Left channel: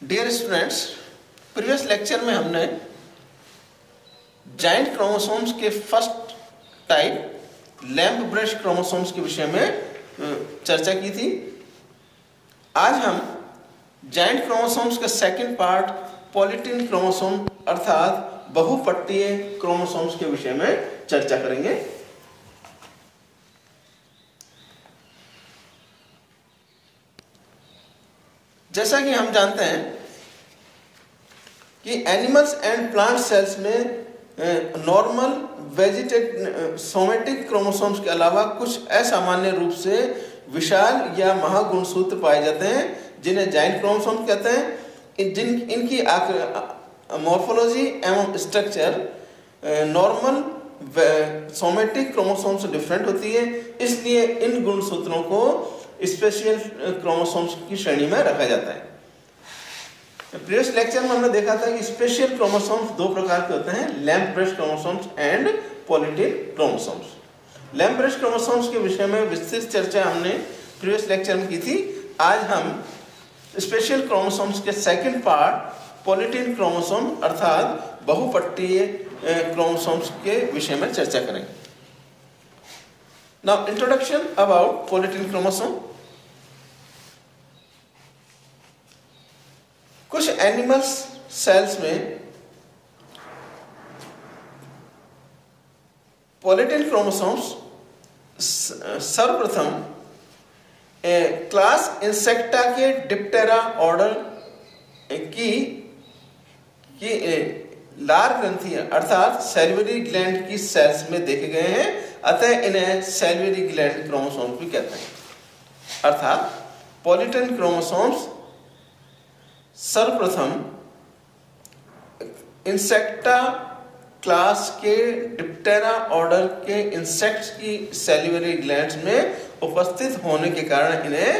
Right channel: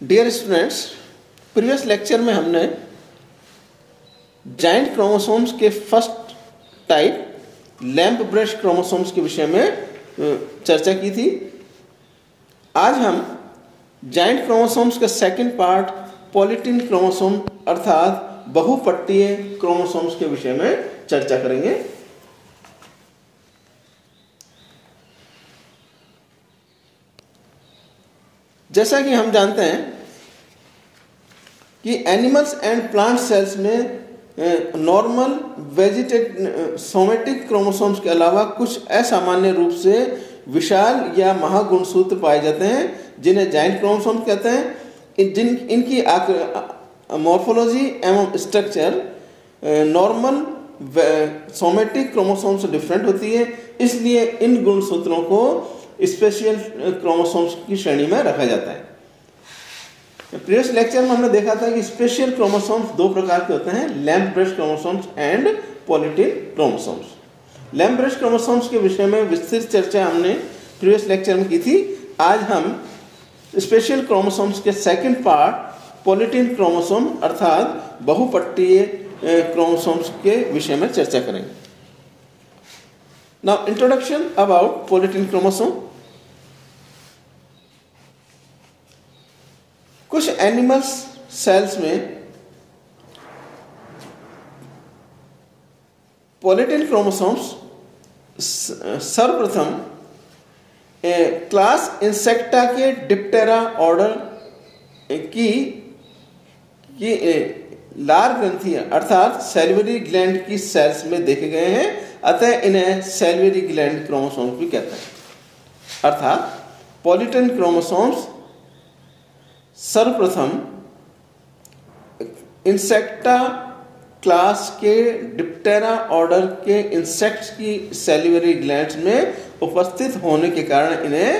Dear students, previous lecture में हमने giant chromosomes के first type lamp brush chromosomes के विषय में चर्चा की थी। आज हम जाइंट क्रोमोसोम्स का सेकंड पार्ट पॉलीटिन क्रोमोसोम अर्थात बहुपट्टीय क्रोमोसोम्स के विषय में चर्चा करेंगे। जैसा कि हम जानते हैं कि एनिमल्स एंड प्लांट सेल्स में नॉर्मल सोमेटिक क्रोमोसोम्स के अलावा कुछ असामान्य रूप से विशाल या महागुणसूत्र पाए जाते हैं जिन्हें जाइंट क्रोमोसोम्स कहते हैं। इनकी मॉर्फोलॉजी एवं स्ट्रक्चर नॉर्मल सोमेटिक क्रोमोसोम से डिफरेंट होती है, इसलिए इन गुणसूत्रों को स्पेशल क्रोमोसोम्स की श्रेणी में रखा जाता है। प्रीवियस लेक्चर में हमने देखा था कि स्पेशल क्रोमोसोम्स दो प्रकार के होते हैं, lamp brush chromosomes and polytene chromosomes. Lamp brush chromosomes के विषय में विस्तृत चर्चा हमने प्रीवियस लेक्चर में की थी। आज हम स्पेशल क्रोमोसोम्स के सेकंड पार्ट पॉलीटिन क्रोमोसोम अर्थात बहुपट्टीय क्रोमोसोम्स के विषय में चर्चा करेंगे। Now introduction about polytene chromosome. कुछ एनिमल्स सेल्स में पॉलीटिन क्रोमोसोम्स सर्वप्रथम क्लास इंसेक्टा के डिप्टेरा ऑर्डर की लार ग्रंथियां अर्थात सैल्वरी ग्लैंड की सेल्स में देखे गए हैं, अतः इन्हें सैल्वरी ग्लैंड क्रोमोसोम्स भी कहते हैं। अर्थात पॉलीटिन क्रोमोसोम्स सर्वप्रथम इंसेक्टा क्लास के डिप्टेरा ऑर्डर के इंसेक्ट्स की सैल्वरी ग्लैंड्स में उपस्थित होने के कारण इन्हें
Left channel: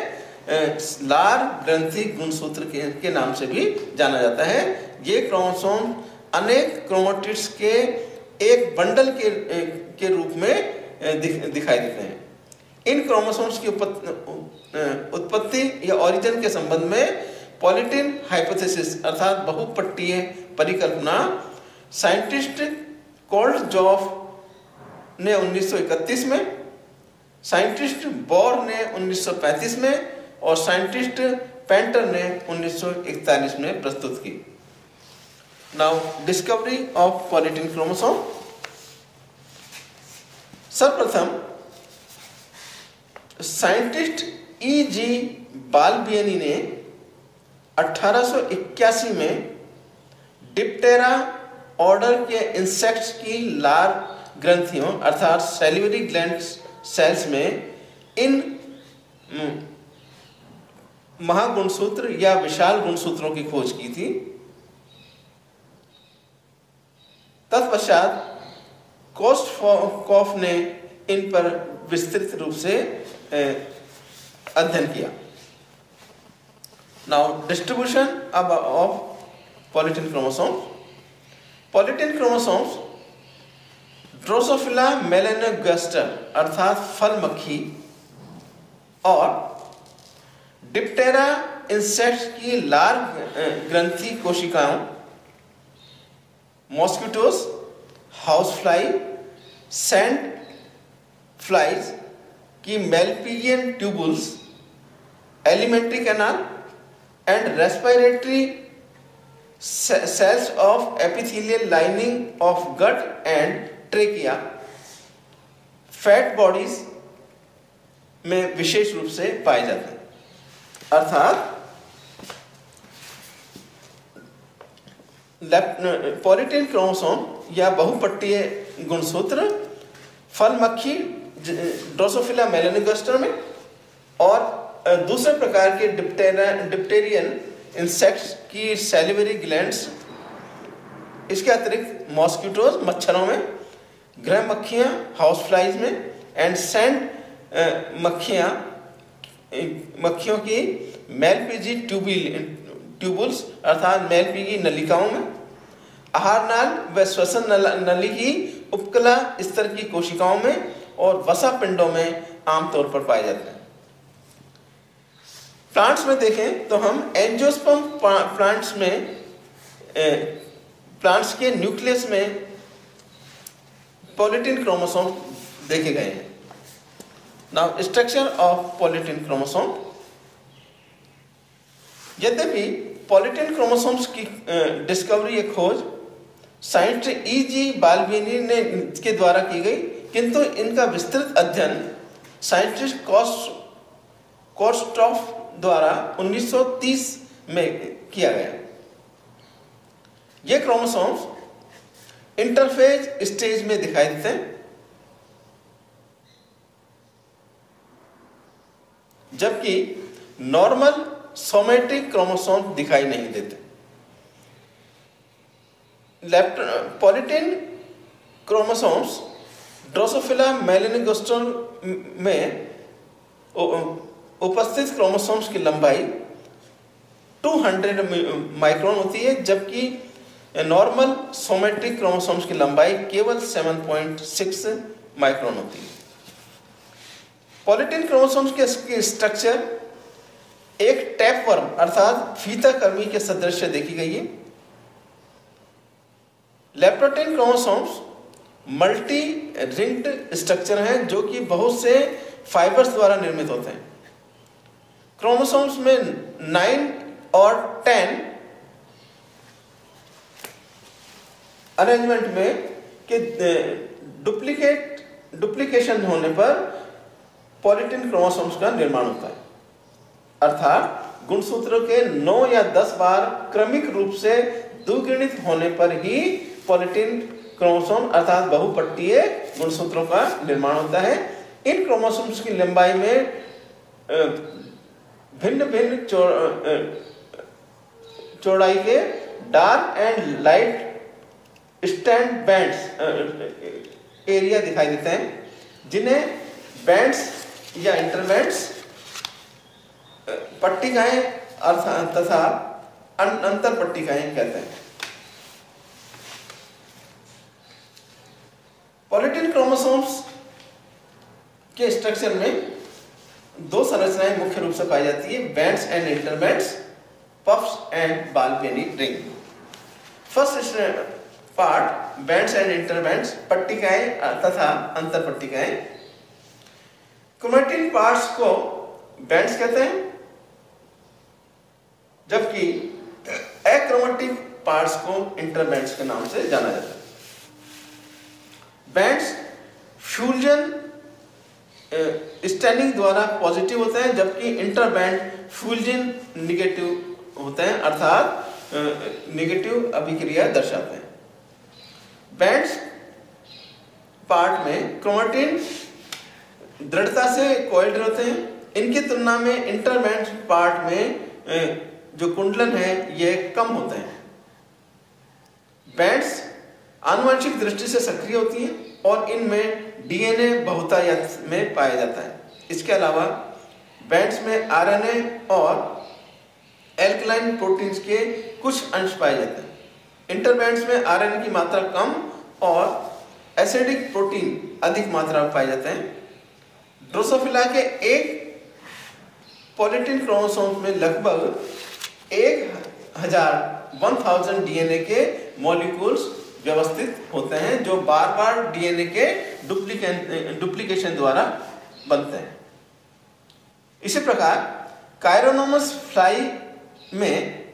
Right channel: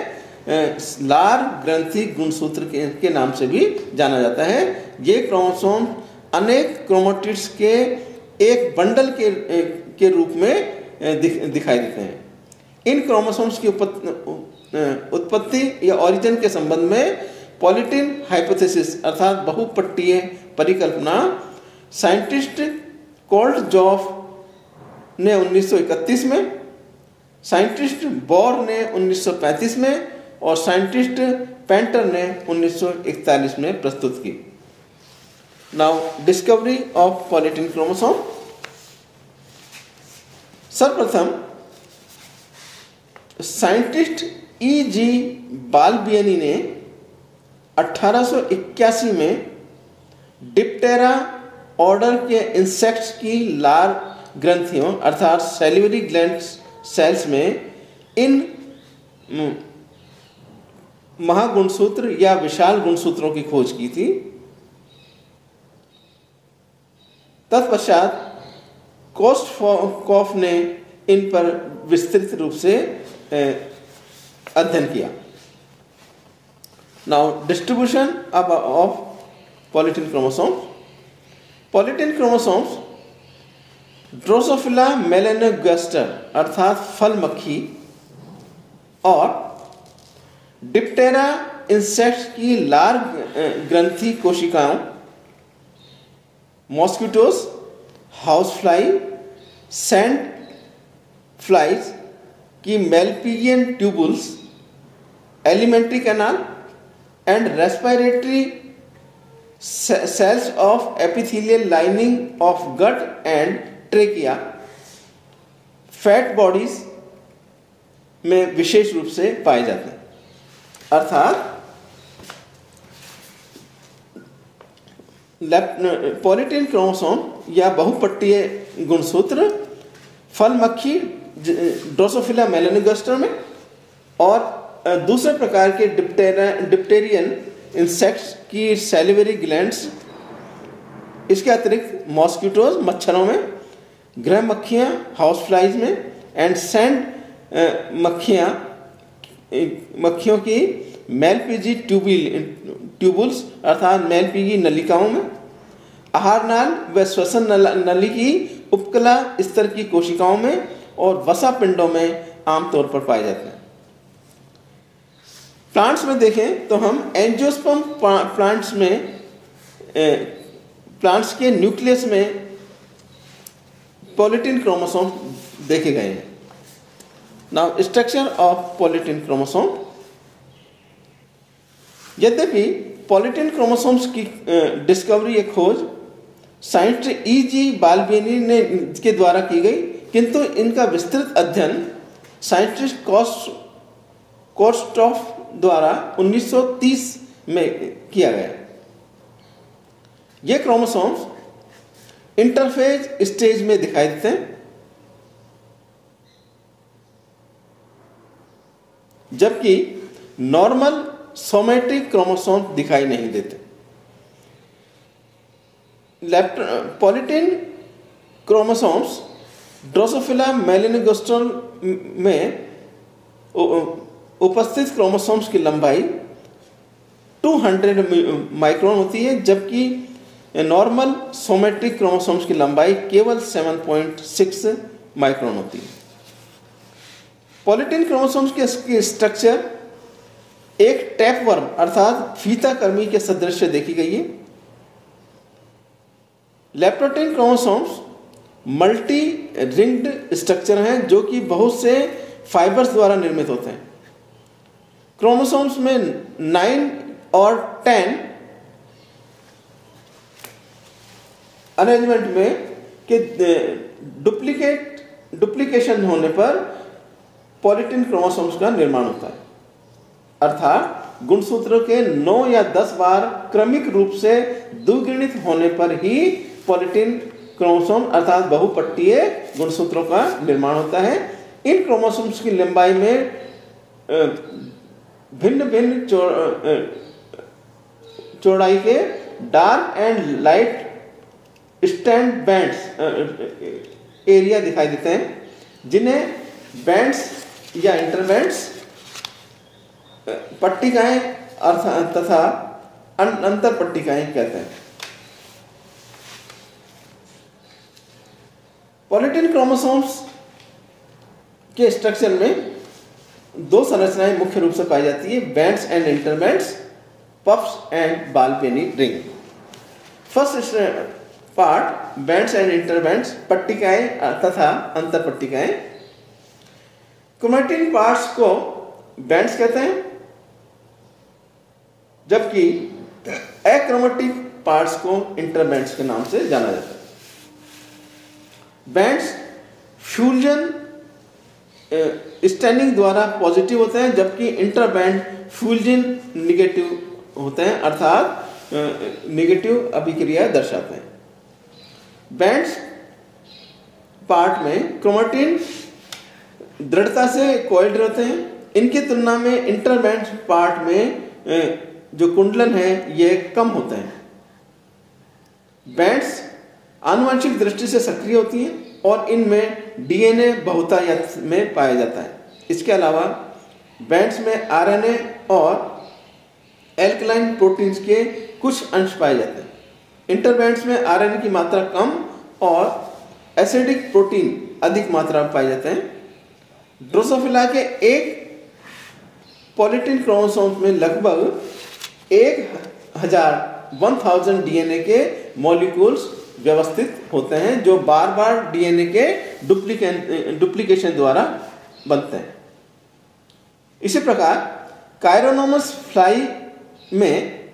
लार ग्रंथि गुणसूत्र के नाम से भी जाना जाता है। ये क्रोमोसोम अनेक क्रोमेटिड्स के एक बंडल के रूप में दिखाई देते हैं। इन क्रोमोसोम्स की उत्पत्ति या ओरिजिन के संबंध में पॉलीटिन हाइपोथेसिस अर्थात बहुपट्टीय परिकल्पना साइंटिस्ट कोल्टजॉफ ने 1931 में, साइंटिस्ट बोर ने 1935 में और साइंटिस्ट पेंटर ने 1941 में प्रस्तुत की। Now discovery of polytene chromosome. सर्वप्रथम साइंटिस्ट E.G. बालबियनी ने 1881 में डिप्टेरा ऑर्डर के इंसेक्ट्स की लार ग्रंथियों अर्थात सैल्वरी ग्लैंड सेल्स में इन महागुणसूत्र या विशाल गुणसूत्रों की खोज की थी। तत्पश्चात कोस्टकॉफ ने इन पर विस्तृत रूप से अध्ययन किया। Now distribution of polytene chromosomes. Polytene chromosomes Drosophila melanogaster अर्थात फल मक्खी और डिप्टेरा इंसेक्ट्स की लार ग्रंथि कोशिकाओं, mosquitoes, house fly, sand flies की Malpighian tubules, alimentary canal and respiratory cells of epithelial lining of gut and trachea, fat bodies में विशेष रूप से पाए जाते हैं। अर्थात पॉलीटिन क्रोमोसोम या बहुपट्टीय गुणसूत्र फल मक्खी ड्रोसोफिला मेलानोगास्टर में और दूसरे प्रकार के डिप्टेरियन इंसेक्ट्स की सैलिवरी ग्लैंड्स, इसके अतिरिक्त मॉस्किटोज मच्छरों में, गृह मक्खियां हाउस फ्लाइज में एंड सैंड मक्खियों की मेलपीजी ट्यूबुल्स अर्थात मेलपीजी नलिकाओं में, आहार नाल व श्वसन नली की उपकला स्तर की कोशिकाओं में और वसा पिंडों में आमतौर पर पाए जाते हैं। प्लांट्स में देखें तो हम एंजियोस्पर्म प्लांट्स में प्लांट्स के न्यूक्लियस में पॉलीटिन क्रोमोसोम देखे गए हैं। Now structure of polytene chromosome. यद्यपि पॉलीटिन क्रोमोसोम्स की डिस्कवरी या खोज साइंटिस्ट E.G. बाल्बिनी ने के द्वारा की गई, किंतु इनका विस्तृत अध्ययन साइंटिस्ट कोर्स्टॉफ द्वारा 1930 में किया गया। ये क्रोमोसोम्स इंटरफेज स्टेज में दिखाई देते हैं, जबकि नॉर्मल सोमैटिक क्रोमोसोम दिखाई नहीं देते। पॉलीटिन क्रोमोसोम्स ड्रोसोफिला मेलानोगास्ट्रल में उपस्थित क्रोमोसोम्स की लंबाई 200 माइक्रोन होती है, जबकि नॉर्मल सोमैटिक क्रोमोसोम्स की लंबाई केवल 7.6 माइक्रोन होती है। पॉलीटिन क्रोमोसोम्स के स्ट्रक्चर एक टैपवर्म अर्थात फीता कर्मी के सदृश देखी गई है। लैप्टोटिन क्रोमोसोम्स मल्टी रिंग्ड स्ट्रक्चर हैं जो कि बहुत से फाइबर्स द्वारा निर्मित होते हैं। क्रोमोसोम्स में 9 और 10 अरेंजमेंट में के डुप्लीकेशन होने पर पॉलीटिन क्रोमोसोम्स का निर्माण होता है, अर्थात गुणसूत्रों के 9 या 10 बार क्रमिक रूप से द्विगुणित होने पर ही पॉलीटिन क्रोमोसोम अर्थात बहुपट्टीय गुणसूत्रों का निर्माण होता है। इन क्रोमोसोम्स की लंबाई में भिन्न भिन्न चौड़ाई के dark and light stand bands area दिखाई देते हैं, जिन्हें बैंड्स या इंटरबैंड्स पट्टिकाएं तथा अंतर पट्टिकाएं कहते हैं। पॉलीटिन क्रोमोसोम्स के स्ट्रक्चर में दो संरचनाएं मुख्य रूप से पाई जाती है, bands and interbands, puffs and Balbiani ring. First part bands and interbands, पट्टिकाएं तथा अंतर पट्टिकाएं। क्रोमैटिन पार्ट्स को बैंड्स कहते हैं, जबकि अक्रोमैटिक पार्ट्स को इंटरबैंड्स के नाम से जाना जाता है। बैंड्स फ्यूजन स्टैंडिंग द्वारा पॉजिटिव होते हैं, जबकि इंटरबैंड फ्यूजन निगेटिव होते हैं, अर्थात निगेटिव अभिक्रिया दर्शाते हैं। बैंड्स पार्ट में क्रोमैटिन दृढ़ता से कोइल्ड रहते हैं। इनकी तुलना में इंटरबैंड पार्ट में जो कुंडलन है ये कम होते हैं। बैंड्स आनुवंशिक दृष्टि से सक्रिय होती है और इनमें डीएनए बहुतायत में पाया जाता है। इसके अलावा बैंड्स में आरएनए और एल्कलाइन प्रोटीन्स के कुछ अंश पाए जाते हैं। इंटरबैंड्स में आरएनए की मात्रा कम और एसिडिक प्रोटीन अधिक मात्रा में पाए जाते हैं। ड्रोसोफिला के एक पॉलीटिन क्रोमोसोम में लगभग 1000 डीएनए के मॉलिक्यूल्स व्यवस्थित होते हैं, जो बार बार डीएनए के डुप्लीकेशन द्वारा बनते हैं। इसी प्रकार कायरोनोमस फ्लाई में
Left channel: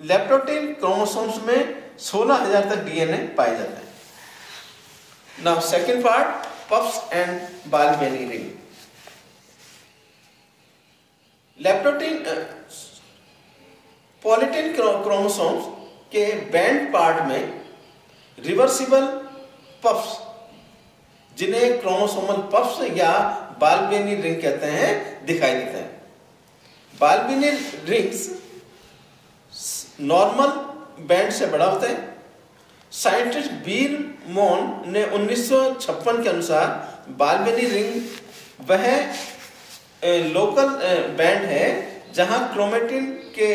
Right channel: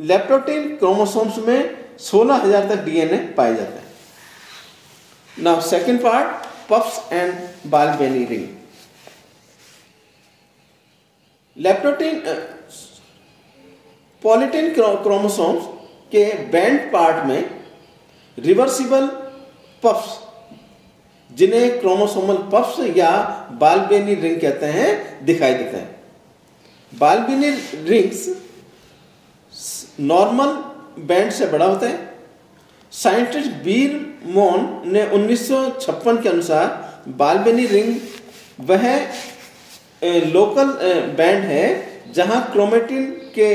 लैप्टोटिन क्रोमोसोम्स में 16,000 तक डीएनए पाया जाता है। Now second part, puffs and Balbiani ring. Leptotene polytene chromosomes के बैंड पार्ट में रिवर्सिबल पफ्स, जिन्हें क्रोमोसोमल पफ्स या बाल्बिनी रिंग कहते हैं, दिखाई देता है। बाल्बिनी रिंग्स नॉर्मल बैंड से बड़ा होता है। साइंटिस्ट बीर मोन ने 1956 के अनुसार बाल्बिनी रिंग वह लोकल बैंड है जहां क्रोमैटिन के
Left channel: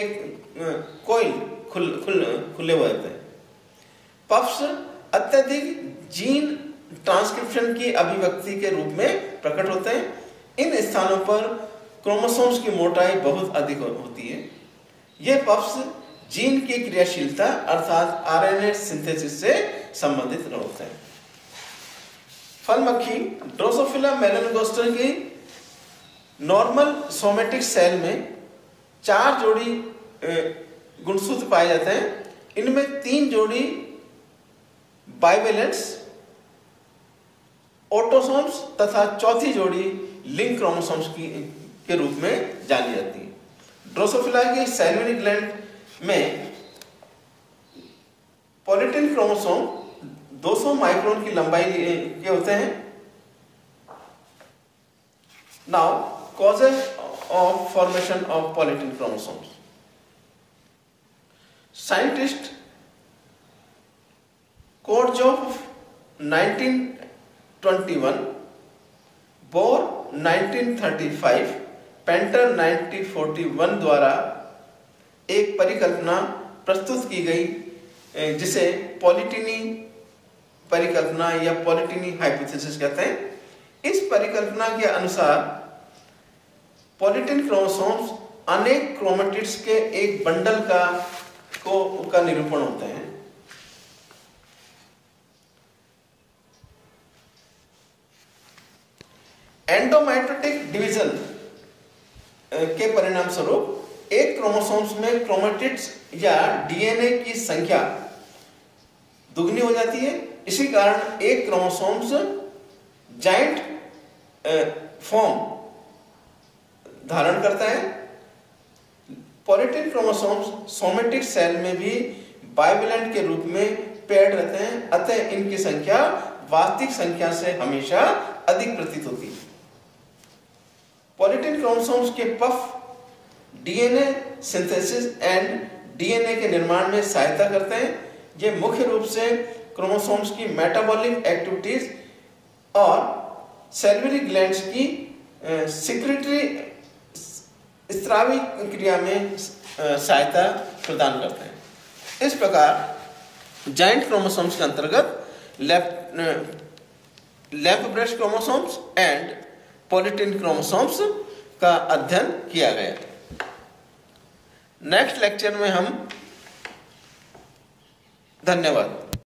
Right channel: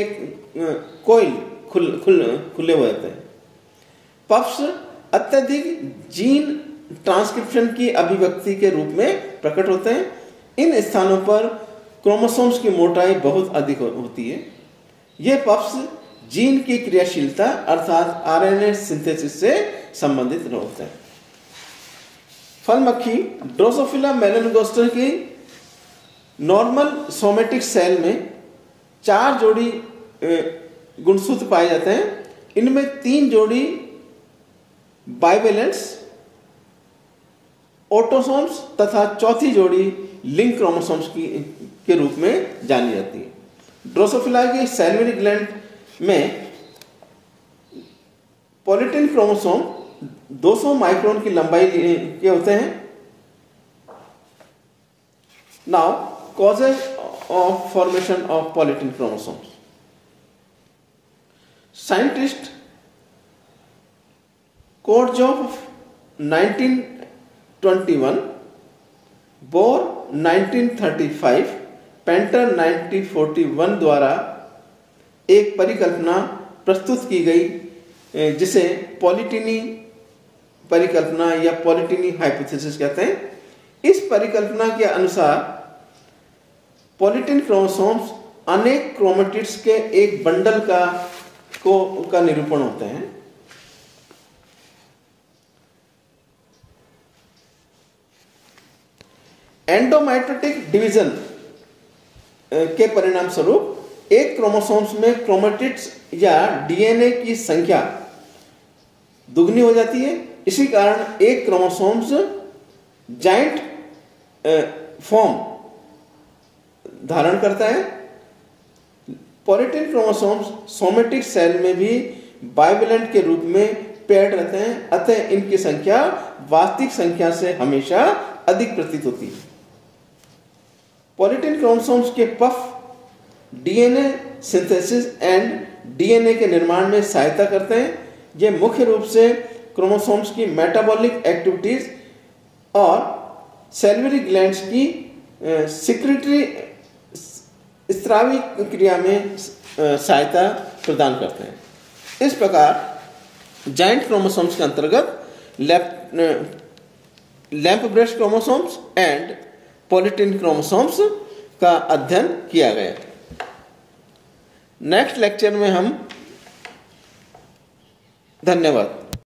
कोइल खुले हुए होते हैं। पफ्स अत्यधिक जीन ट्रांसक्रिप्शन की अभिव्यक्ति के रूप में प्रकट होते हैं। इन स्थानों पर क्रोमोसोम्स की मोटाई बहुत अधिक होती है। ये पफ्स जीन की क्रियाशीलता अर्थात आरएनए सिंथेसिस से संबंधित होता है। फल मक्खी ड्रोसोफिला मेलनोगास्टर की नॉर्मल सोमेटिक सेल में 4 जोड़ी गुणसूत्र पाए जाते हैं। इनमें 3 जोड़ी बाइवेलेंट्स ऑटोसोम्स तथा चौथी जोड़ी लिंक क्रोमोसोम्स के रूप में जानी जाती है। ड्रोसोफिला की सैल्वरी ग्लैंड में पॉलिटिन क्रोमोसोम 200 माइक्रोन की लंबाई के होते हैं। Now causes of formation of polytene chromosomes. Scientist कोर्जोफ 1921, बोर 1935, पेंटर 1941 द्वारा एक परिकल्पना प्रस्तुत की गई जिसे पॉलिटिनी परिकल्पना या पॉलिटिनी हाइपोथेसिस कहते हैं। इस परिकल्पना के अनुसार पॉलिटिन क्रोमोसोम्स अनेक क्रोमेटिड्स के एक बंडल का निरूपण होते हैं। एंडोमाइटोटिक डिवीजन के परिणाम स्वरूप एक क्रोमोसोम्स में क्रोमेटिड्स या डीएनए की संख्या दुगनी हो जाती है। इसी कारण एक क्रोमोसोम्स जाइंट फॉर्म धारण करता है। पॉलिटिन क्रोमोसोम्स सोमेटिक सेल में भी बाइवेलेंट के रूप में पेयर्ड रहते हैं, अतः इनकी संख्या वास्तविक संख्या से हमेशा अधिक प्रतीत होती है। पॉलिटिन क्रोमोसोम्स के puff DNA synthesis and DNA के निर्माण में सहायता करते हैं। ये मुख्य रूप से क्रोमोसोम्स की मेटाबॉलिक एक्टिविटीज और सेल्युलरी ग्लैंड्स की सिक्रेटरी स्त्रावी क्रिया में सहायता प्रदान करते हैं। इस प्रकार जाइंट क्रोमोसोम्स के अंतर्गत lamp brush chromosomes and पॉलिटिन chromosomes का अध्ययन किया गया। नेक्स्ट लेक्चर में हम धन्यवाद।